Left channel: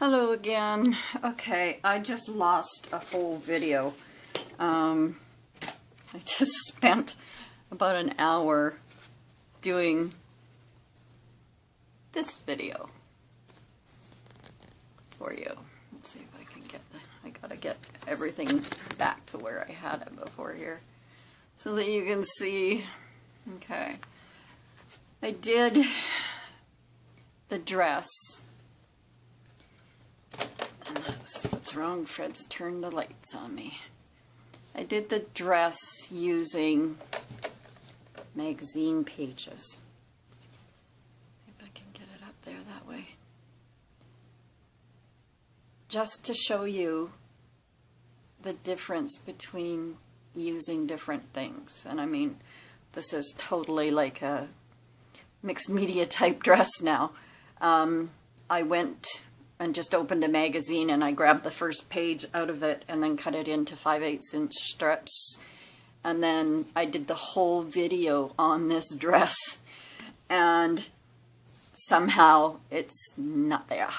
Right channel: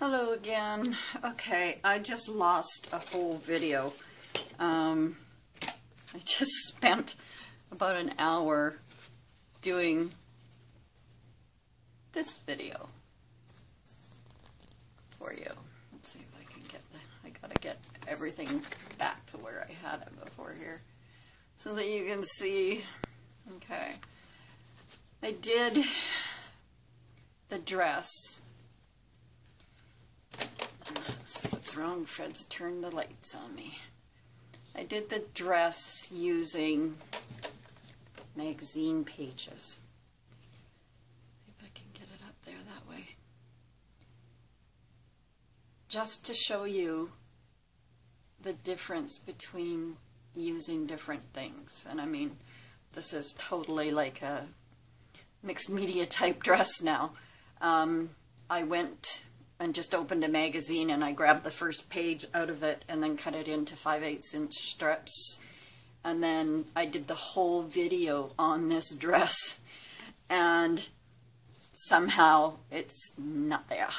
Hello again. Okay, I just lost a whole video. I just spent about an hour doing this video for you. Let's see if I can get I gotta get everything back to where I had it before here so that you can see. Okay, I did the dress. What's wrong? Fred's turned the lights on me. I did the dress using magazine pages. See if I can get it up there that way. Just to show you the difference between using different things. And I mean, this is totally like a mixed media type dress now. I went and just opened a magazine and I grabbed the first page out of it and then cut it into 5/8 inch strips. And then I did the whole video on this dress and somehow it's not there.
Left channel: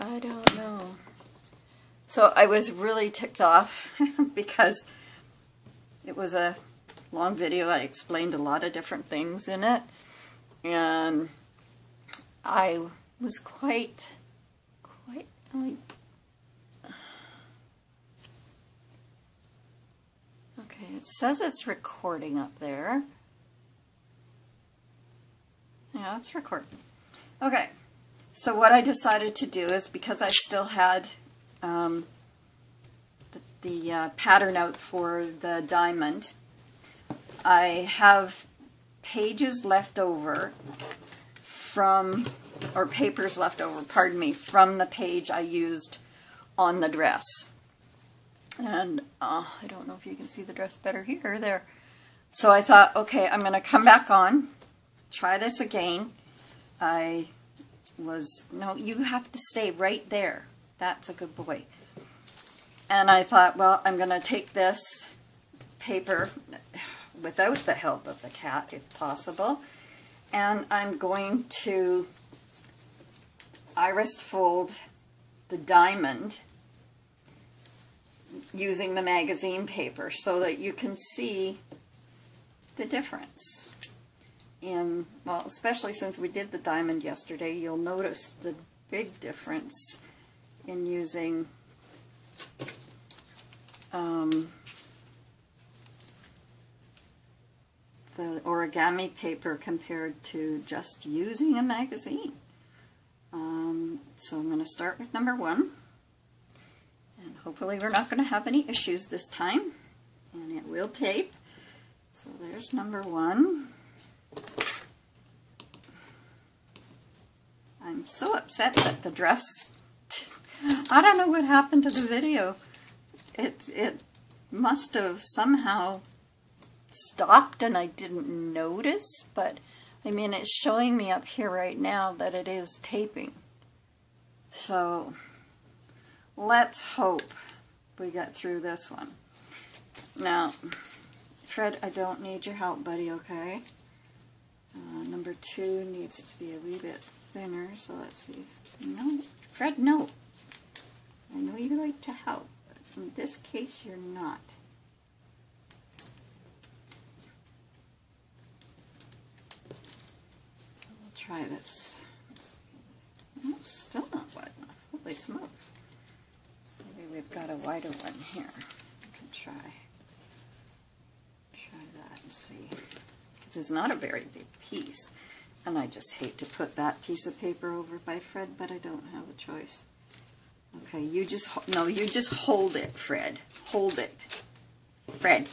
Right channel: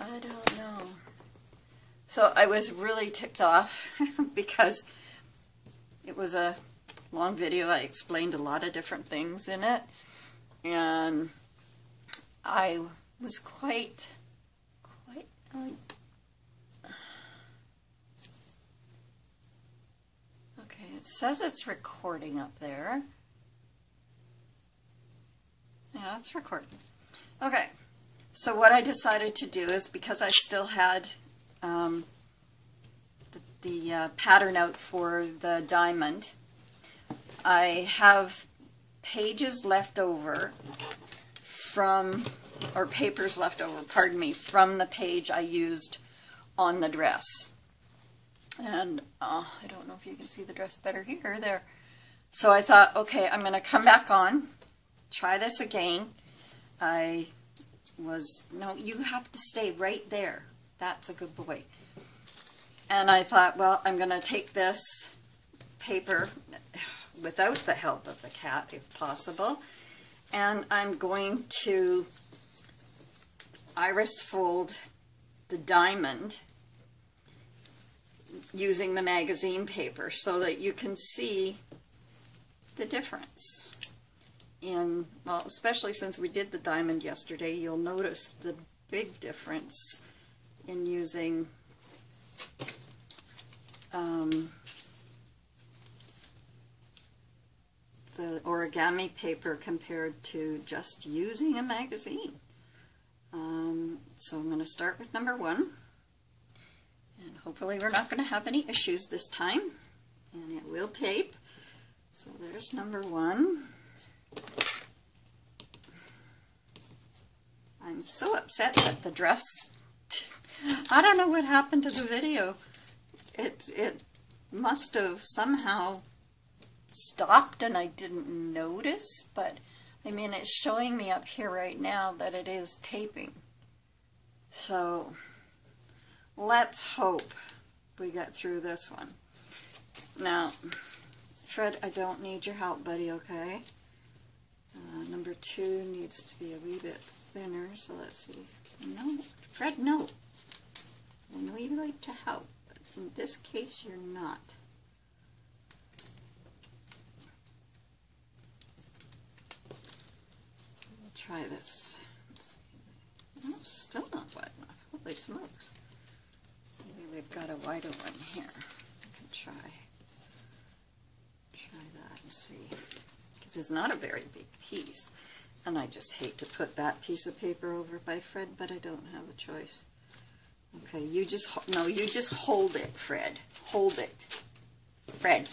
I don't know. So I was really ticked off because it was a long video. I explained a lot of different things in it, and I was quite okay, it says it's recording up there. Yeah, it's recording. Okay, so what I decided to do is, because I still had the pattern out for the diamond, I have pages left over from, or papers left over, pardon me, from the page I used on the dress. And I don't know if you can see the dress better here or there. So I thought, okay, I'm going to come back on, try this again. No, you have to stay right there. That's a good boy. And I thought, well, I'm going to take this paper without the help of the cat, if possible, and I'm going to iris fold the diamond using the magazine paper so that you can see the difference. And, well, especially since we did the diamond yesterday, you'll notice the big difference in using the origami paper compared to just using a magazine. So I'm going to start with number 1, and hopefully we're not going to have any issues this time, and it will tape. So there's number 1. I'm so upset that the dress, I don't know what happened to the video. It must have somehow stopped and I didn't notice, but I mean, it's showing me up here right now that it is taping. So let's hope we get through this one. Now, Fred, I don't need your help, buddy, okay? Number 2 needs to be a wee bit thinner, so let's see. No, Fred, no. I know you like to help, but in this case, you're not. So we'll try this. No, still not wide enough. Holy smokes. Maybe we've got a wider one here. I can try that and see. This is not a very big piece, and I just hate to put that piece of paper over by Fred, but I don't have a choice. Okay, you just hold it, Fred. Hold it. Fred.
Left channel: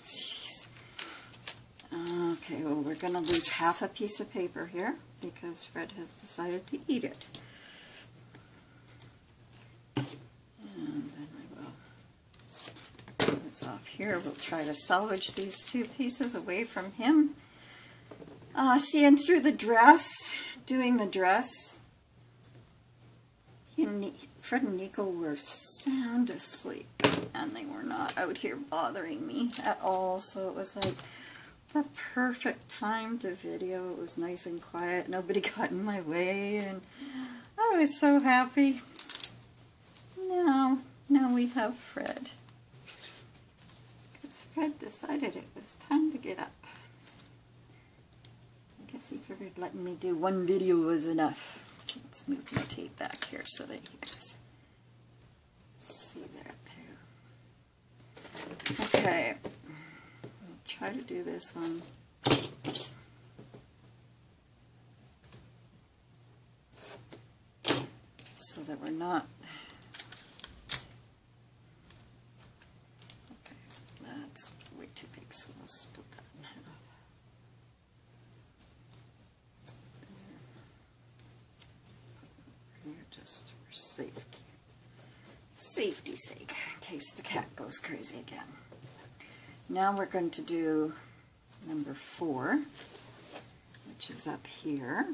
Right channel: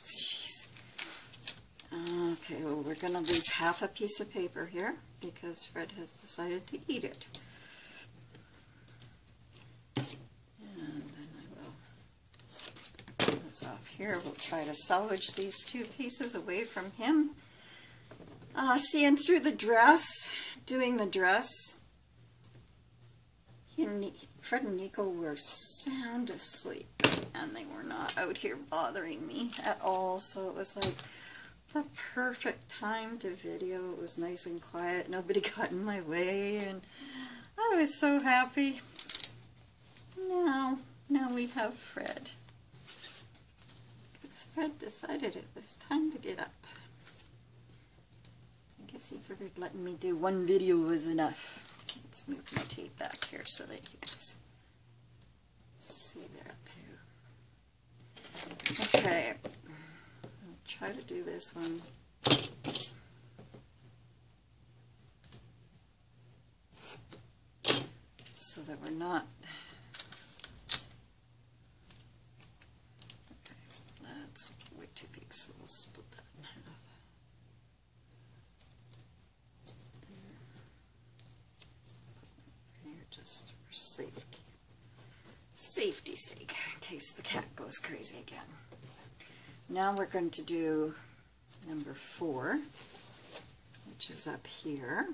Jeez. Okay, well, we're going to lose half a piece of paper here because Fred has decided to eat it. And then I will put this off here. We'll try to salvage these 2 pieces away from him. Seeing through the dress, doing the dress, Fred and Nico were sound asleep, and they were not out here bothering me at all, so it was the perfect time to video. It was nice and quiet. Nobody got in my way, and I was so happy. Now we have Fred. Because Fred decided it was time to get up. I guess he figured letting me do one video was enough. Let's move my tape back here so that you guys see that too. Okay, I'll try to do this one. So that we're not. Okay, that's way too big, so we'll split that in half. Here, just for safety's sake, in case the cat goes crazy again. Now we're going to do number 4, which is up here.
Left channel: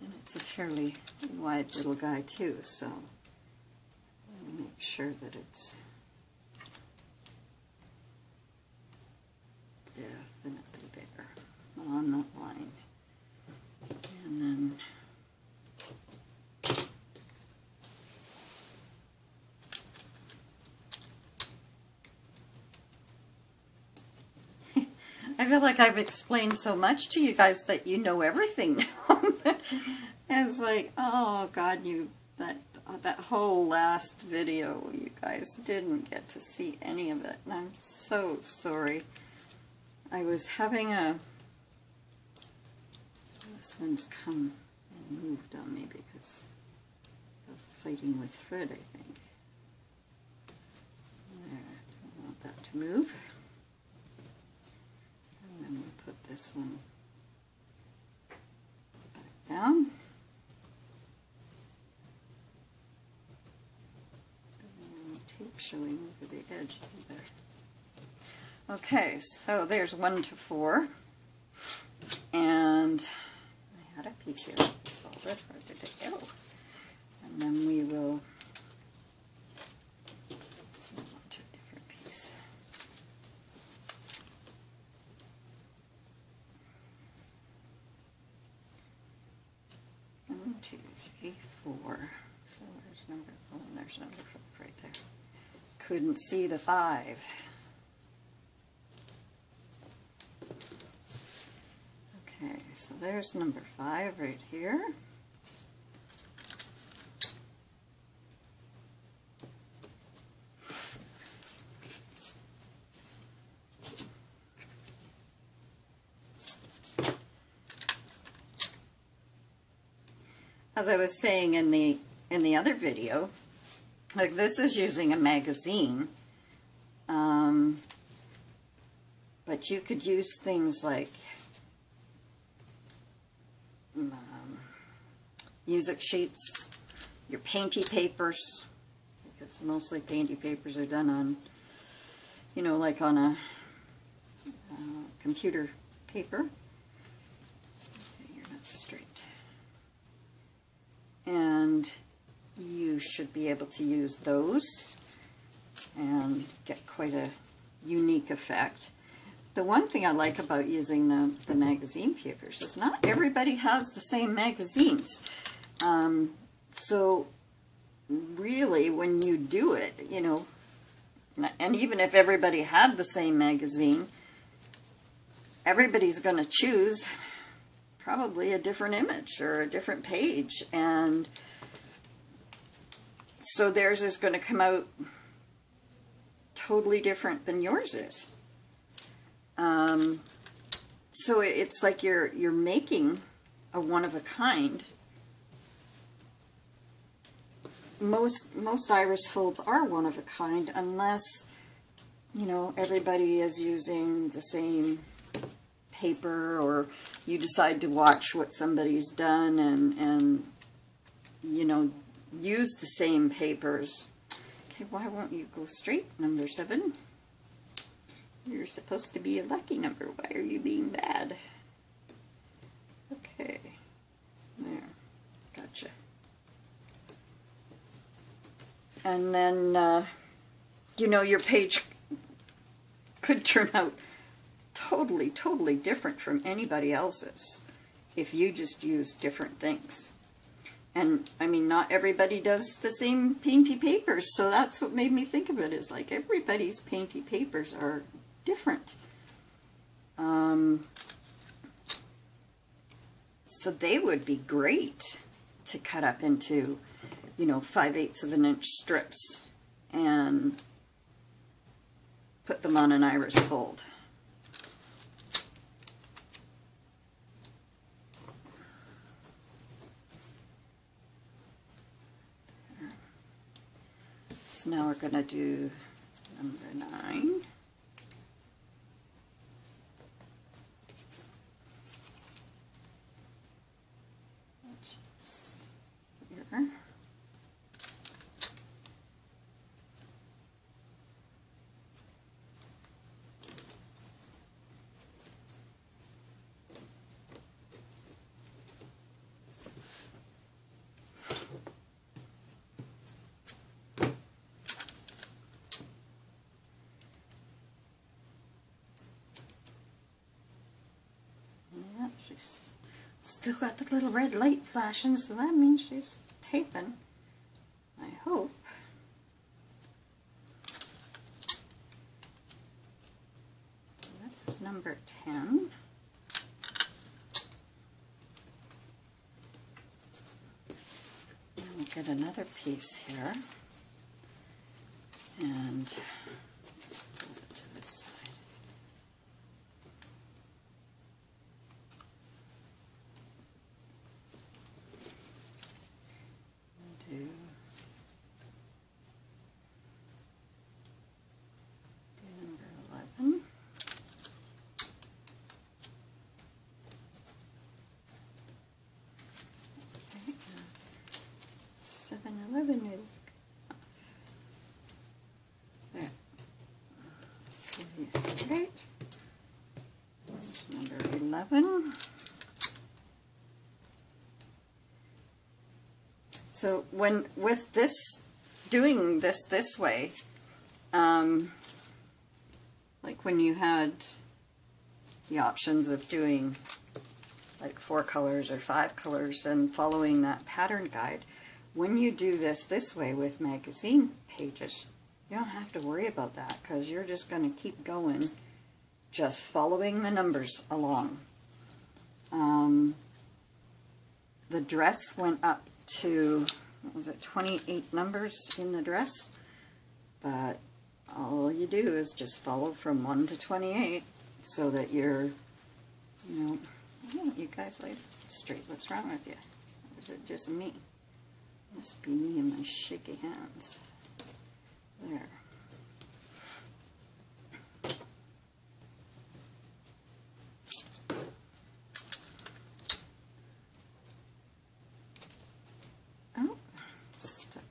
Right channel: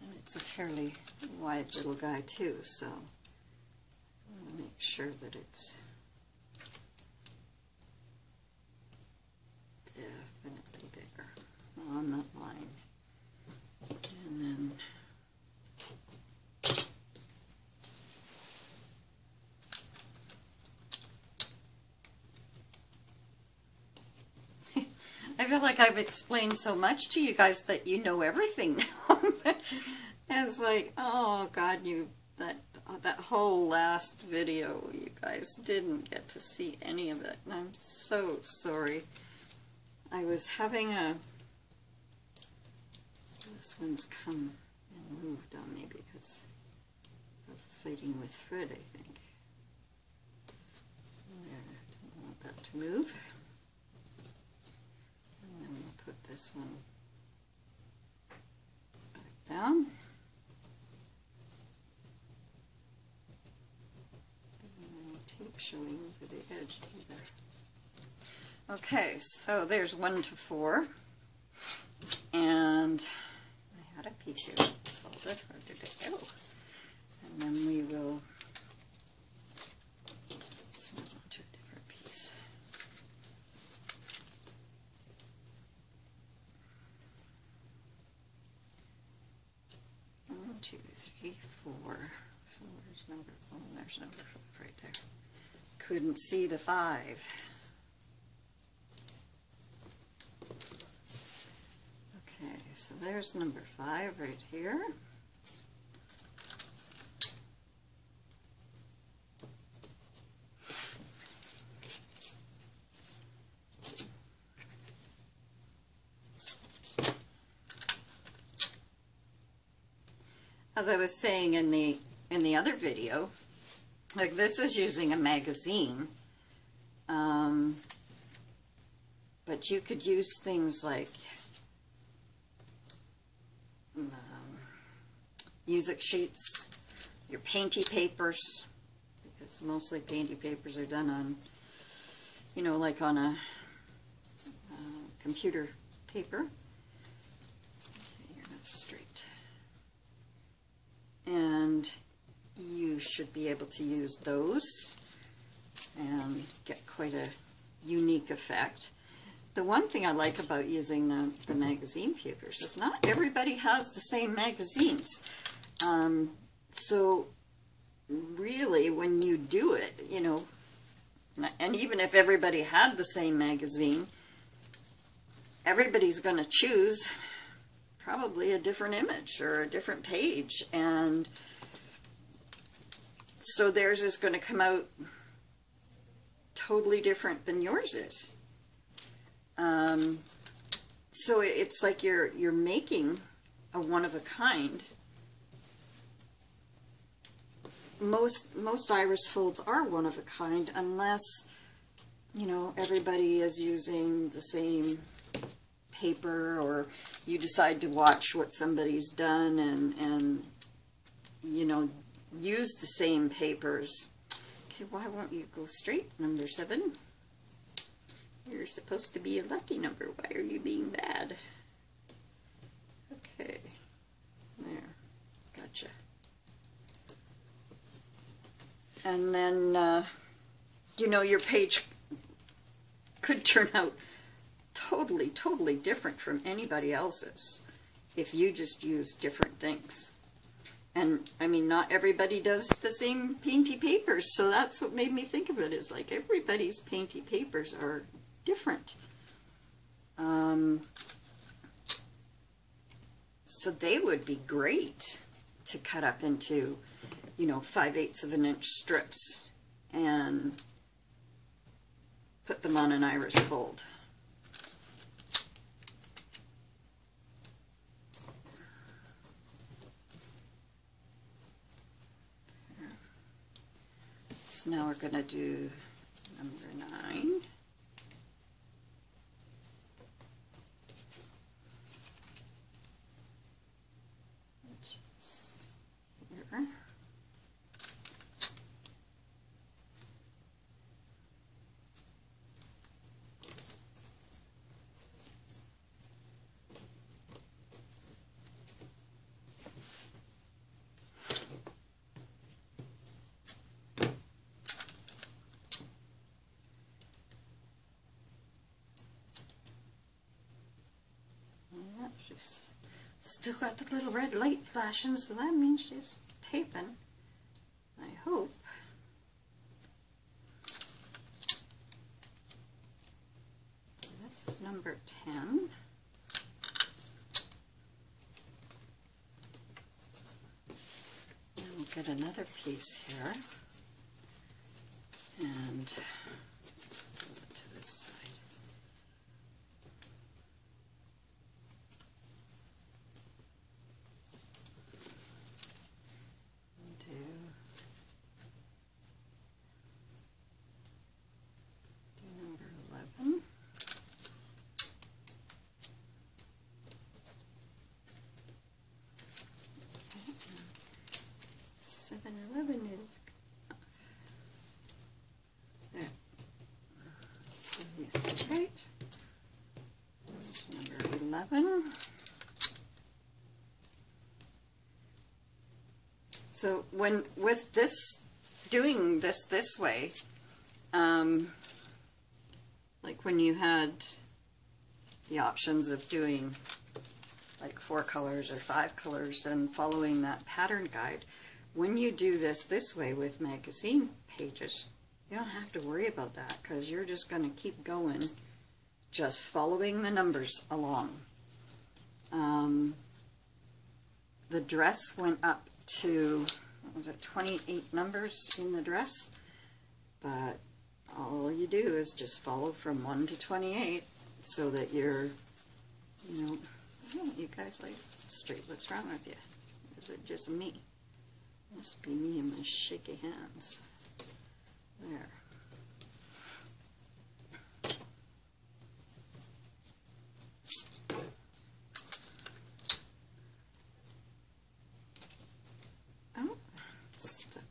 And it's a fairly wide little guy too, so I'll make sure that it's definitely there on that line. And then I feel like I've explained so much to you guys that you know everything now. It's like, oh God, that whole last video, you guys didn't get to see any of it, and I'm so sorry. I was having this one's come and moved on me because of fighting with Fred, I think. There, don't want that to move. This one back down. Tape showing over the edge there. Okay, so there's 1 to 4. And I had a piece here. So where did it go? And then we will. Let's move on to a different piece. 1, 2, 3, 4. So there's number 4. There's number 4 right there. Couldn't see the 5. Okay, so there's number 5 right here. As I was saying in the other video, like this is using a magazine, but you could use things like music sheets, your painty papers, because mostly painty papers are done on, you know, like on a computer paper. Okay, you're not straight. And you should be able to use those and get quite a unique effect. The one thing I like about using the magazine papers is not everybody has the same magazines. So really when you do it, you know, and even if everybody had the same magazine, everybody's going to choose probably a different image or a different page, and so theirs is going to come out totally different than yours is. So it's like you're making a one of a kind. Most iris folds are one of a kind, unless, you know, everybody is using the same paper, or you decide to watch what somebody's done and you know, use the same papers. Okay, why won't you go straight, number 7? You're supposed to be a lucky number. Why are you being bad? Okay, there, gotcha. And then, you know, your page could turn out totally, totally different from anybody else's if you just use different things. And, I mean, not everybody does the same painty papers, so that's what made me think of it. It's like everybody's painty papers are different. So they would be great to cut up into, you know, 5/8 of an inch strips and put them on an iris fold. So now we're going to do number 9. Still got the little red light flashing, so that means she's taping, I hope. So this is number 10. We'll get another piece here, and let's hold it to this side. Do number 11. 7/11 is there. Straight. Number 11. So with this, doing this way, like when you had the options of doing like 4 colors or 5 colors and following that pattern guide, when you do this way with magazine pages, you don't have to worry about that because you're just going to keep going, just following the numbers along. The dress went up to, what was it, 28 numbers in the dress, but all you do is just follow from 1 to 28 so that you're, you know, you guys like straight. What's wrong with you? Or is it just me? Must be me and my shaky hands. There. Oh, stuck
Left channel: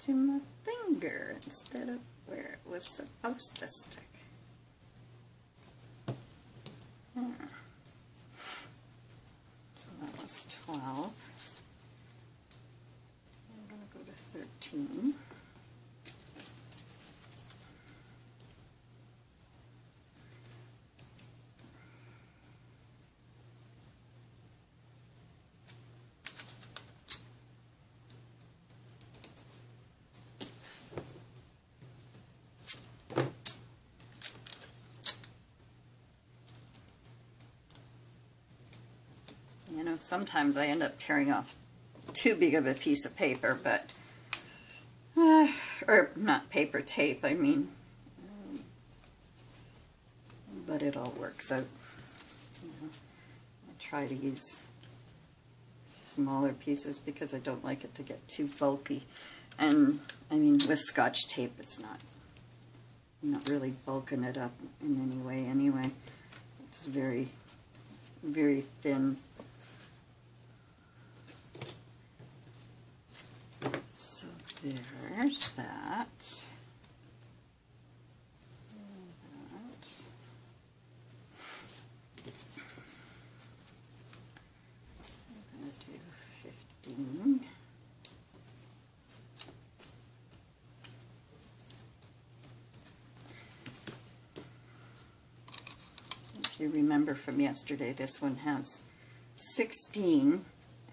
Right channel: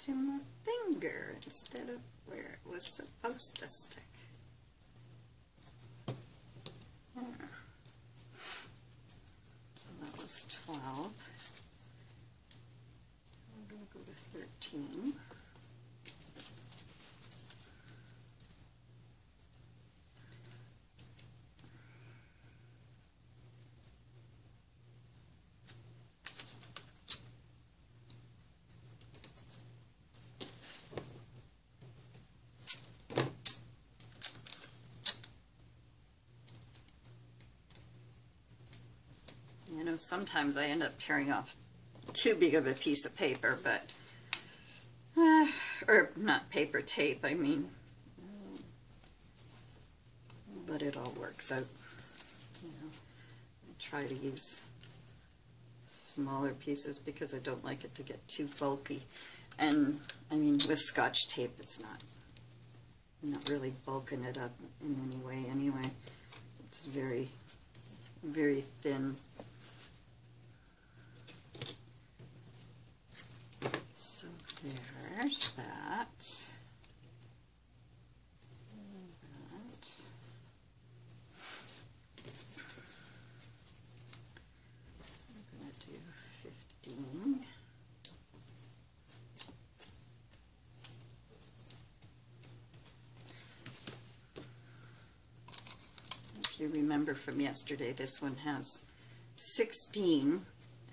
to my finger instead of where it was supposed to stick. There. So that was 12. We're going to go to 13. You know, sometimes I end up tearing off too big of a piece of paper, but or not paper tape, I mean, but it all works out. You know, I try to use smaller pieces because I don't like it to get too bulky. And I mean, with Scotch tape, I'm not really bulking it up in any way anyway. It's very, very thin. So there's that. I'm going to do 15. remember from yesterday, this one has 16,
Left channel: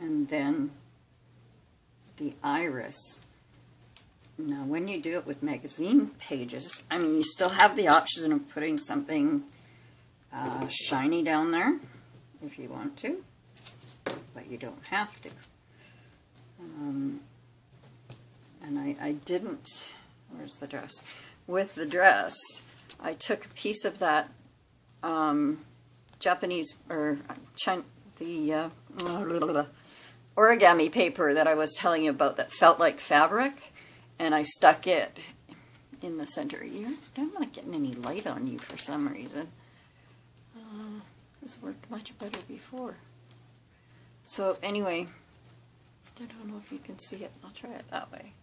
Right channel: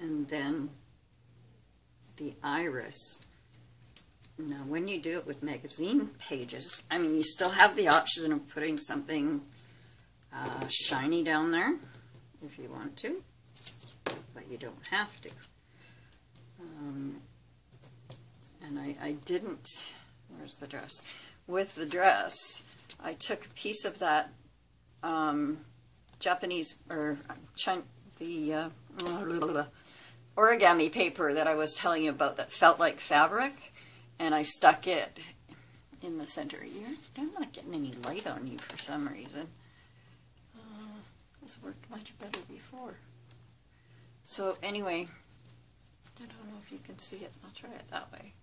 and then the iris. Now, when you do it with magazine pages, I mean, you still have the option of putting something shiny down there if you want to, but you don't have to. And I didn't, where's the dress? With the dress, I took a piece of that Japanese, or the origami paper that I was telling you about that felt like fabric, and I stuck it in the center. I'm not getting any light on you for some reason. This worked much better before. So anyway, I don't know if you can see it. I'll try it that way.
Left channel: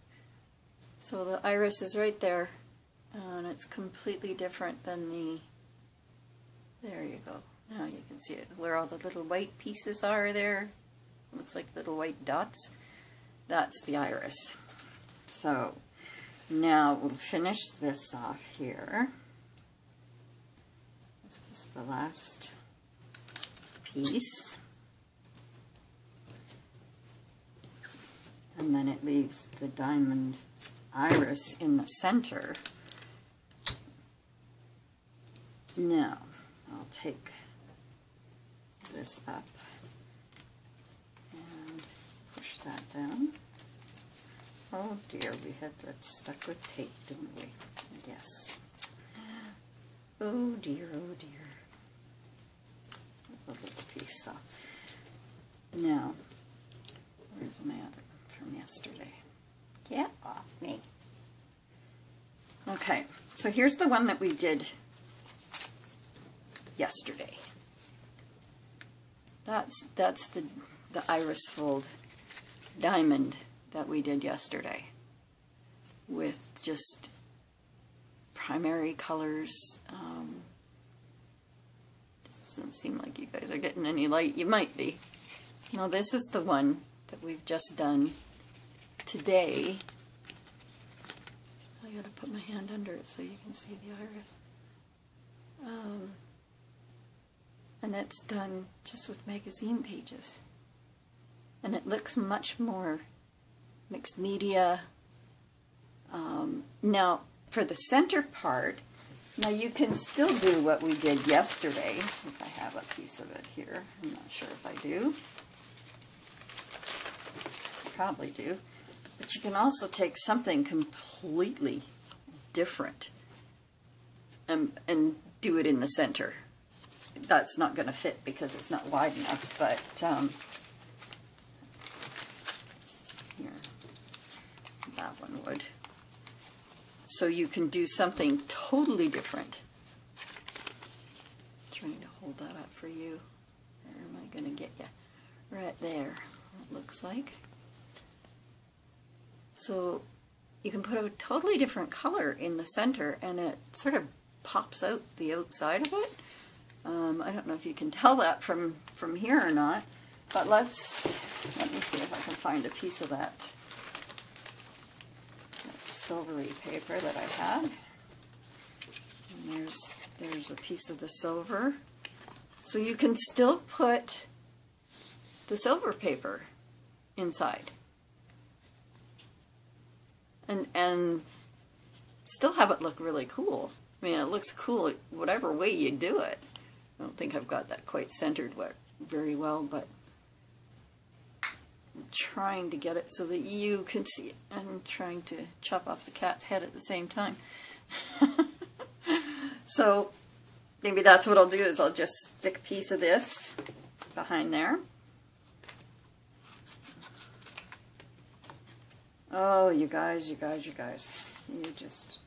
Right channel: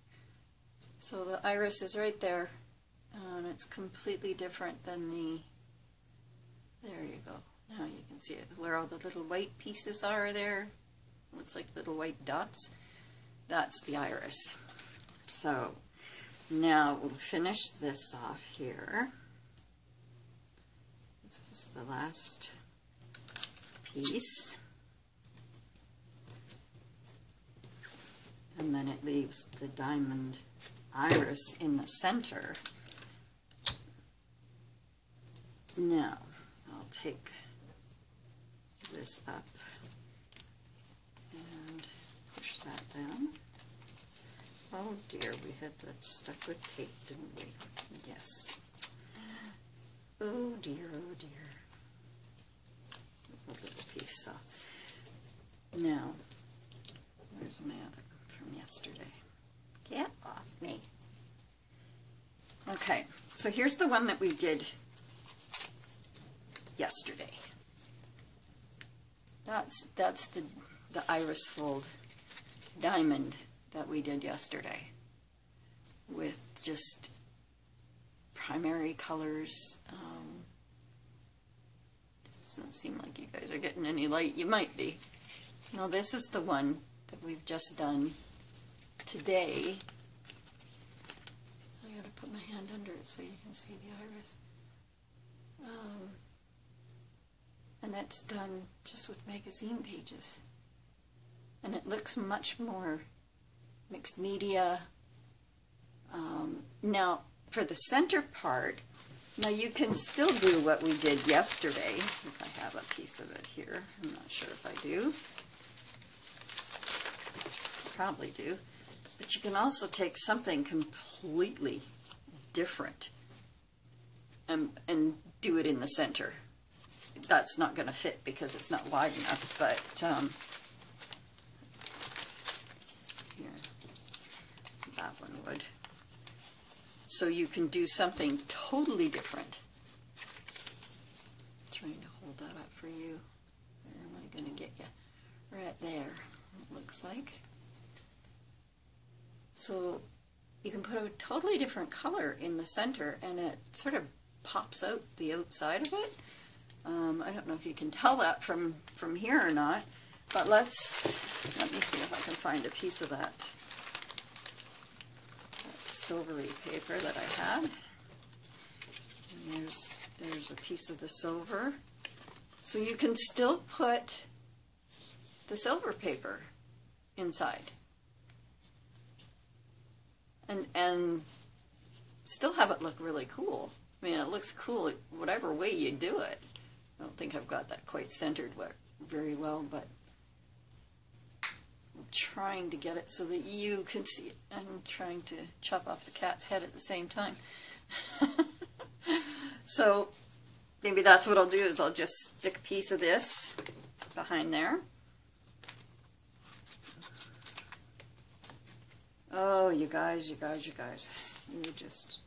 So the iris is right there, and it's completely different than there you go. Now you can see it, where all the little white pieces are there. Looks like little white dots. That's the iris. So now we'll finish this off here. This is the last piece. And then it leaves the diamond iris in the center. Now, I'll take this up and push that down. Oh dear, we had that stuck with tape, didn't we? Yes. Oh dear, oh dear. There's a little piece up. Now, here's my other from yesterday. Get off me. Okay, so here's the one that we did yesterday. That's the iris fold diamond that we did yesterday with just primary colors. Doesn't seem like you guys are getting any light. You might be. Now this is the one that we've just done today. I gotta put my hand under it so you can see the iris. And it's done just with magazine pages. And it looks much more mixed media. Now, for the center part, now you can still do what we did yesterday. If I have a piece of it here. I'm not sure if I do. Probably do. But you can also take something completely different and do it in the center. That's not going to fit because it's not wide enough, but here, that one would. So you can do something totally different. Trying to hold that up for you. Where am I going to get you? Right there, it looks like. So you can put a totally different color in the center, and it sort of pops out the outside of it. I don't know if you can tell that from here or not, but let me see if I can find a piece of that silvery paper that I had. And there's a piece of the silver. So you can still put the silver paper inside and still have it look really cool. I mean, it looks cool whatever way you do it. I don't think I've got that quite centered very well, but I'm trying to get it so that you can see it. I'm trying to chop off the cat's head at the same time. So maybe that's what I'll do, is I'll just stick a piece of this behind there. Oh, you guys. You just...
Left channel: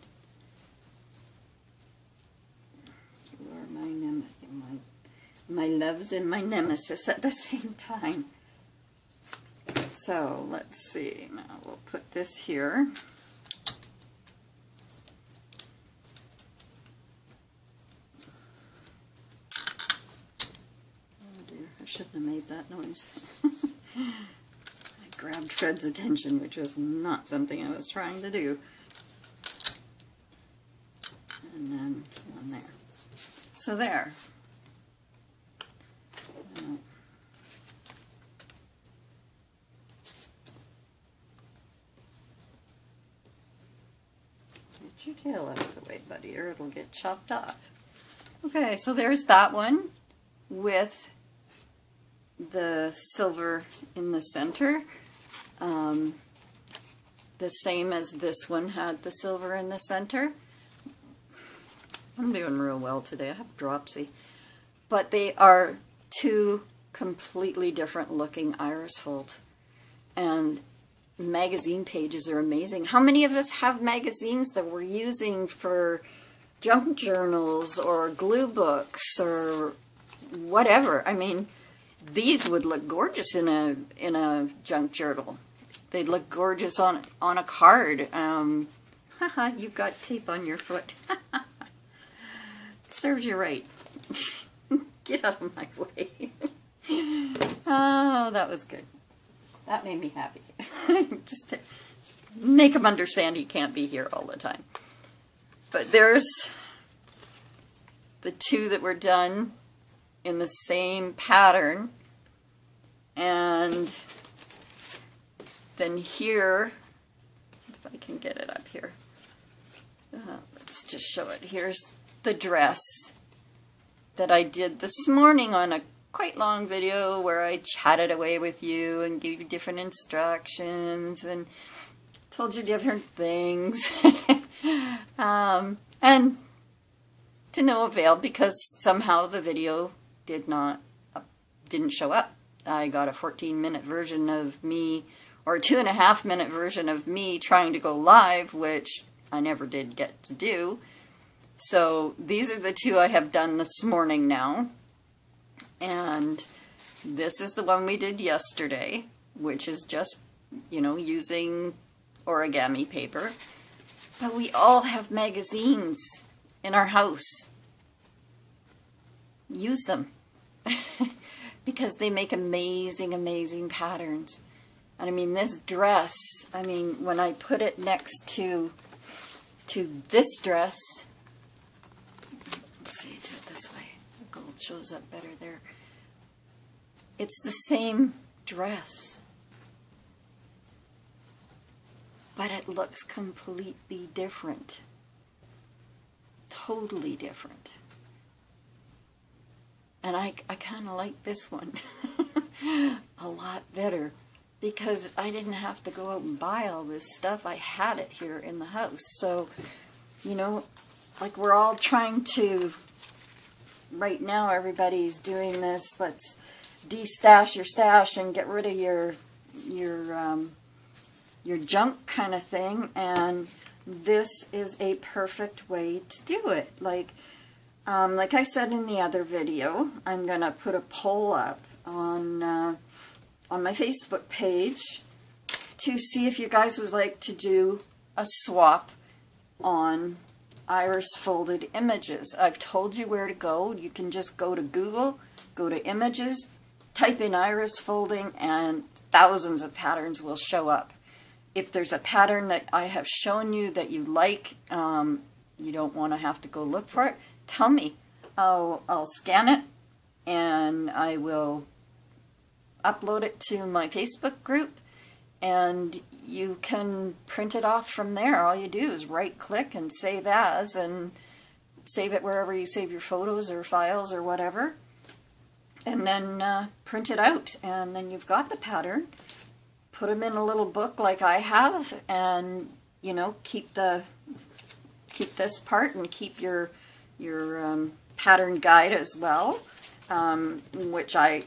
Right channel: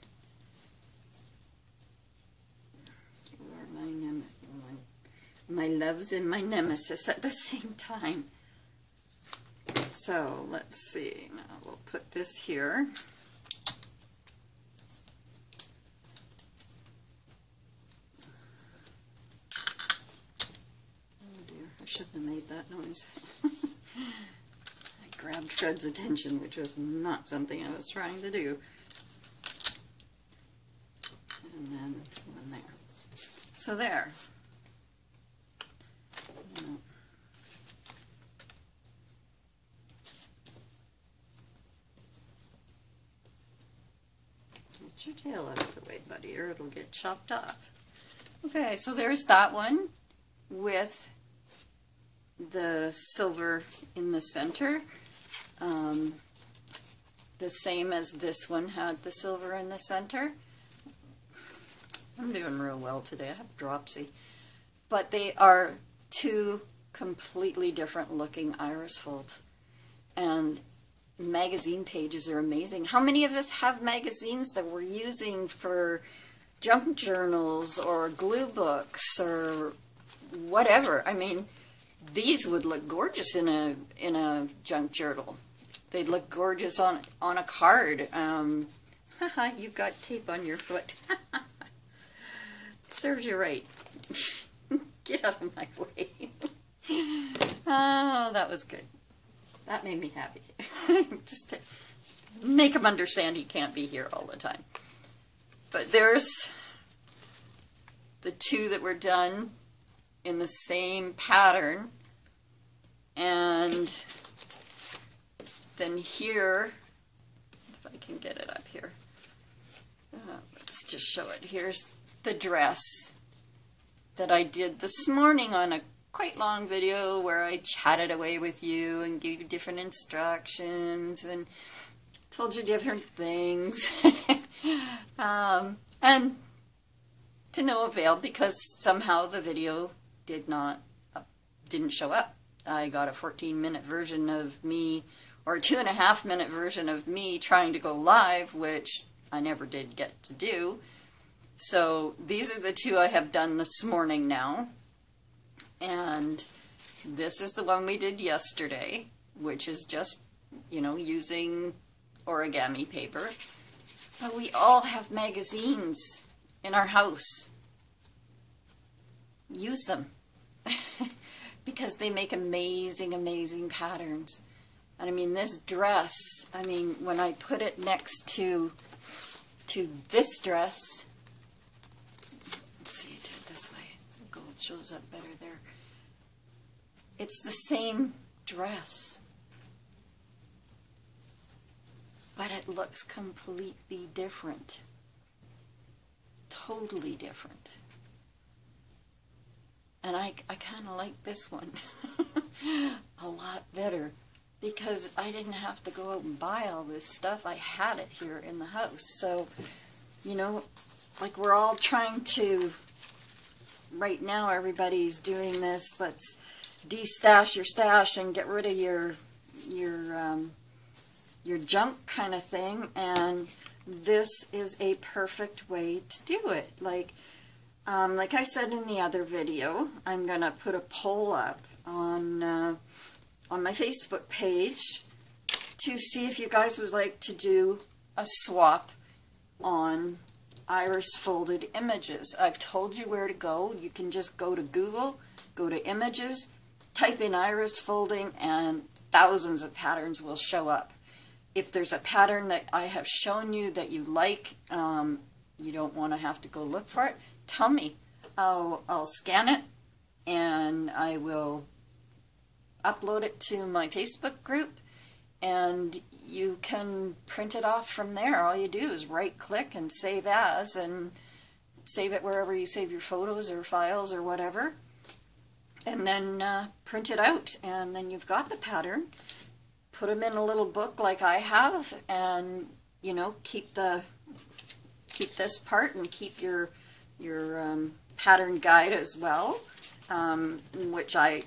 my loves and my nemesis at the same time. So let's see, now we'll put this here. Oh dear, I shouldn't have made that noise. I grabbed Fred's attention, which was not something I was trying to do. And then one there. So there. it'll get chopped off. Okay, so there's that one with the silver in the center. The same as this one had the silver in the center. I'm doing real well today. I have dropsy. But they are two completely different looking iris folds. And magazine pages are amazing. How many of us have magazines that we're using for junk journals or glue books or whatever? I mean, these would look gorgeous in a junk journal. They'd look gorgeous on a card. Haha, you got tape on your foot. Serves you right. Get out of my way. Oh, that was good. That made me happy. Just to make him understand he can't be here all the time. But there's the two that were done in the same pattern. And then here, if I can get it up here, let's just show it. Here's the dress that I did this morning on a quite long video where I chatted away with you and gave you different instructions and told you different things. And to no avail, because somehow the video didn't show up. I got a 14-minute version of me, or a 2.5-minute version of me trying to go live, which I never did get to do. So these are the two I have done this morning now. And this is the one we did yesterday, which is just, you know, using origami paper. But we all have magazines in our house. Use them. Because they make amazing, amazing patterns. And I mean, this dress, I mean, when I put it next to this dress, let's see, do it this way. The gold shows up better there. It's the same dress, but it looks completely different. Totally different. And I kind of like this one a lot better, because I didn't have to go out and buy all this stuff. I had it here in the house. So, you know, like we're all trying to, right now everybody's doing this, let's de-stash your stash and get rid of your junk kind of thing, and this is a perfect way to do it. Like I said in the other video, I'm going to put a poll up on my Facebook page to see if you guys would like to do a swap on iris folded images. I've told you where to go. You can just go to Google, go to images, type in iris folding, and thousands of patterns will show up. If there's a pattern that I have shown you that you like, you don't want to have to go look for it, tell me. I'll scan it and I will upload it to my Facebook group, and you can print it off from there. All you do is right click and save as, and save it wherever you save your photos or files or whatever, and then print it out, and then you've got the pattern. Put them in a little book like I have, and you know, keep this part and keep your pattern guide as well, which I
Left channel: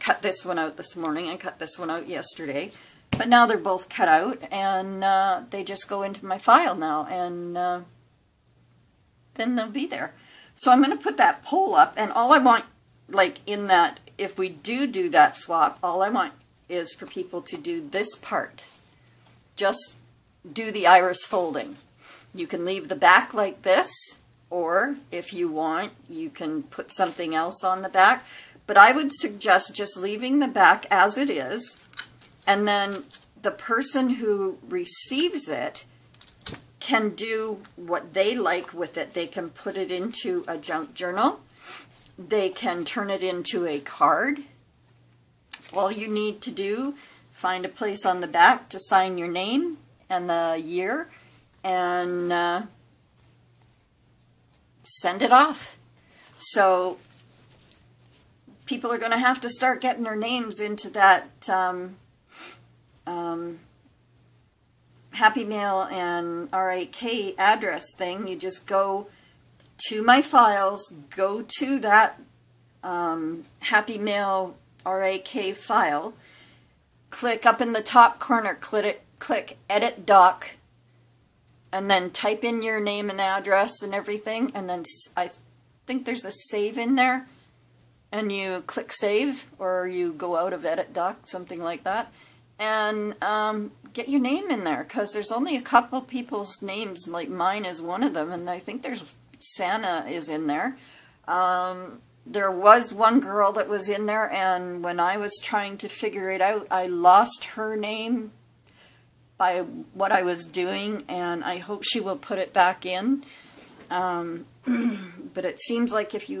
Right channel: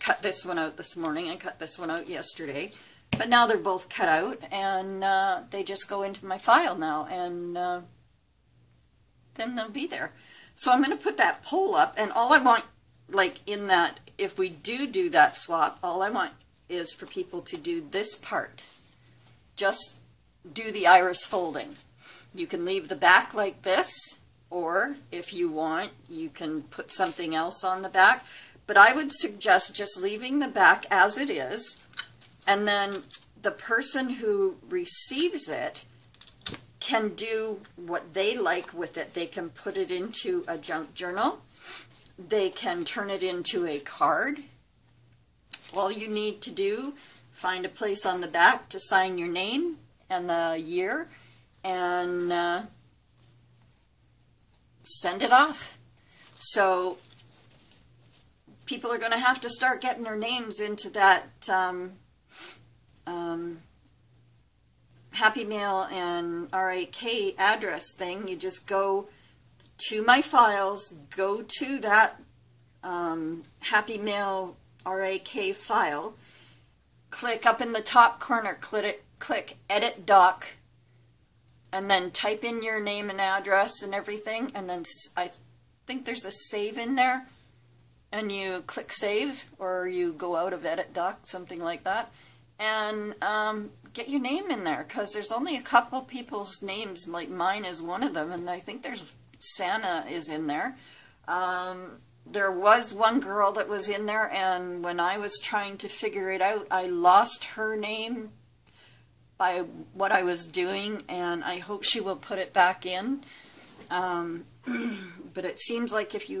cut this one out this morning. I cut this one out yesterday, but now they're both cut out, and they just go into my file now, and then they'll be there. So I'm going to put that poll up, and all I want, like in that, if we do that swap, all I want is for people to do this part. Just do the iris folding. You can leave the back like this, or if you want, you can put something else on the back. But I would suggest just leaving the back as it is, and then the person who receives it can do what they like with it. They can put it into a junk journal. They can turn it into a card. All you need to do, find a place on the back to sign your name and the year, and send it off. So people are going to have to start getting their names into that Happy Mail and RAK address thing. You just go to my files, go to that Happy Mail RAK file, click up in the top corner, click Edit Doc, and then type in your name and address and everything, and then I think there's a save in there, and you click Save, or you go out of Edit Doc, something like that, and get your name in there, because there's only a couple people's names, like mine is one of them, and I think there's Santa is in there. There was one girl that was in there, and when I was trying to figure it out, I lost her name by what I was doing, and I hope she will put it back in. But it seems like if you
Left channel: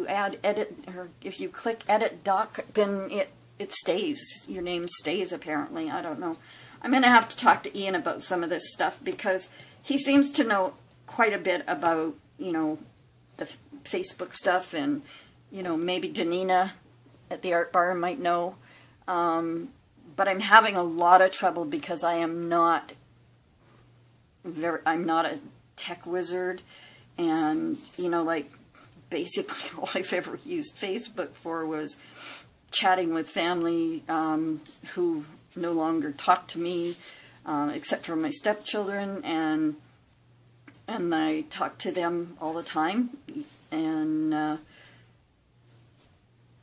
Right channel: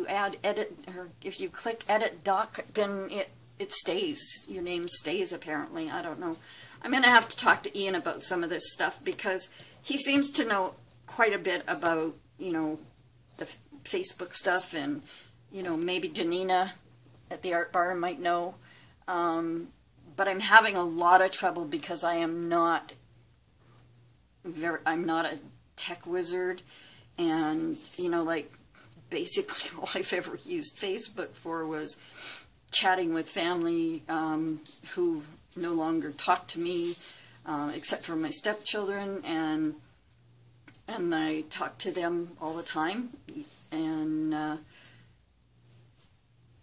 if you click Edit Doc, then it stays. Your name stays, apparently. I don't know. I'm going to have to talk to Ian about some of this stuff, because he seems to know quite a bit about, you know, the Facebook stuff, and, you know, maybe Danina at the Art Bar might know. But I'm having a lot of trouble because I'm not a tech wizard, and, you know, like, basically all I've ever used Facebook for was chatting with family who no longer talk to me, except for my stepchildren, and I talk to them all the time, and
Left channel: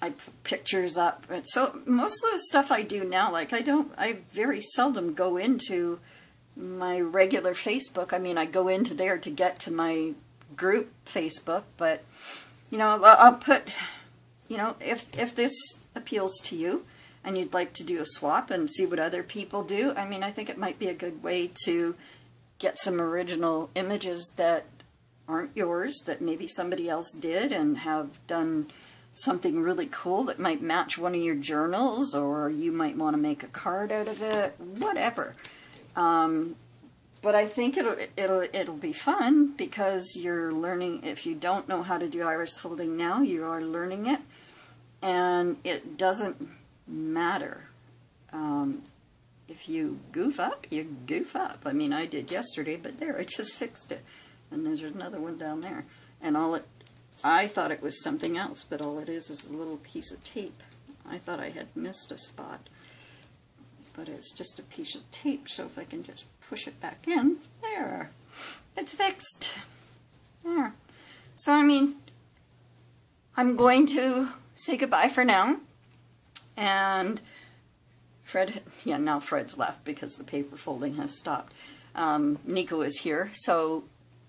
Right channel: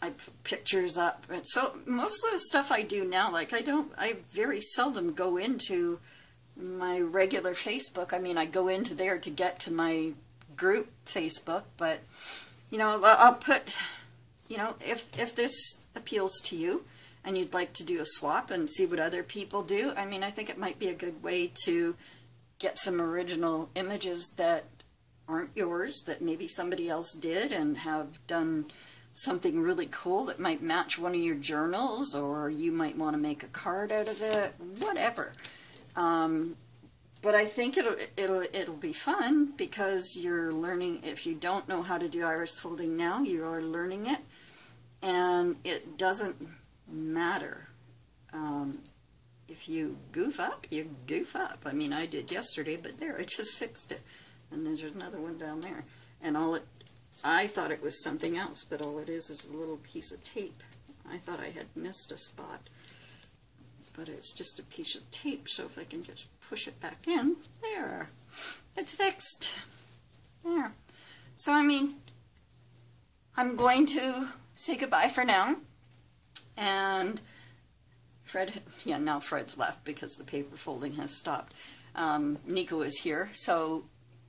I put pictures up. And so most of the stuff I do now, like I very seldom go into my regular Facebook. I mean, I go into there to get to my group Facebook, but, you know, I'll put, you know, if this appeals to you and you'd like to do a swap and see what other people do, I mean, I think it might be a good way to get some original images that aren't yours, that maybe somebody else did and have done something really cool that might match one of your journals, or you might want to make a card out of it, whatever. But I think it'll be fun, because you're learning. If you don't know how to do iris folding now, you are learning it, and it doesn't matter. If you goof up, you goof up. I mean, I did yesterday, but there, I just fixed it. And there's another one down there. And I thought it was something else, but all it is a little piece of tape. I thought I had missed a spot, but it's just a piece of tape. So if I can just push it back in, there, it's fixed. There. So, I mean, I'm going to say goodbye for now. And Fred, yeah, now Fred's left because the paper folding has stopped. Nico is here, so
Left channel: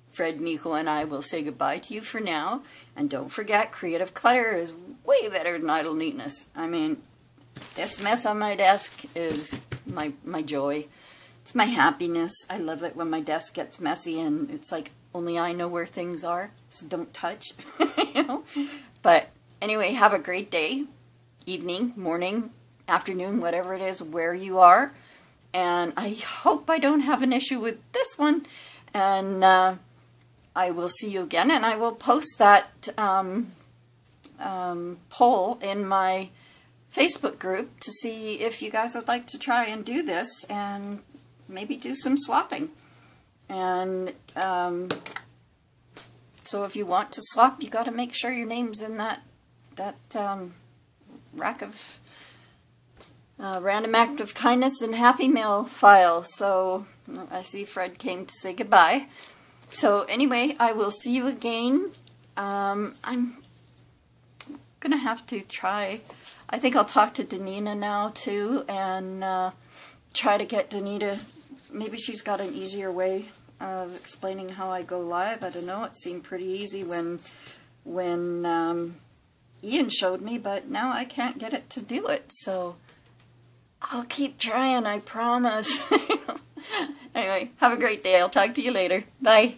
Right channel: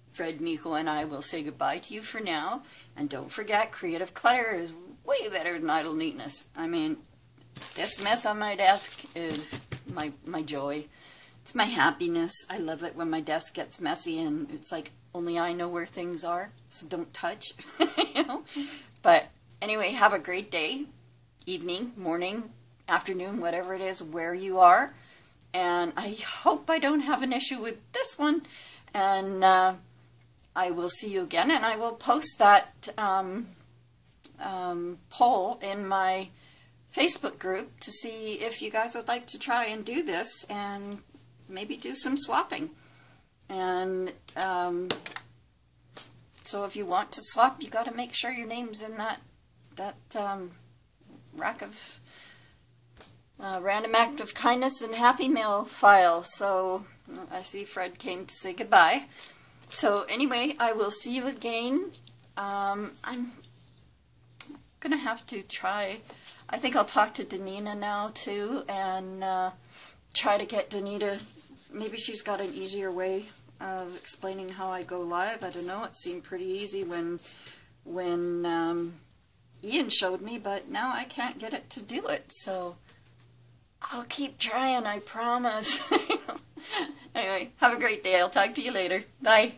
Fred, Nico, and I will say goodbye to you for now. And don't forget, creative clutter is way better than idle neatness. I mean, this mess on my desk is my joy. It's my happiness. I love it when my desk gets messy, and it's like only I know where things are, so don't touch. You know? But anyway, have a great day, evening, morning, afternoon, whatever it is, where you are. And I hope I don't have an issue with this one. And I will see you again, and I will post that poll in my Facebook group to see if you guys would like to try and do this and maybe do some swapping. And so if you want to swap, you got to make sure your name's in that rack of Random Act of Kindness and Happy Mail file. So I see Fred came to say goodbye. So anyway, I will see you again. I'm gonna have to try. I think I'll talk to Danina now too, and try to get Danita. Maybe she's got an easier way of explaining how I go live. I don't know. It seemed pretty easy when Ian showed me, but now I can't get it to do it. So I'll keep trying, I promise. Anyway, have a great day. I'll talk to you later. Bye.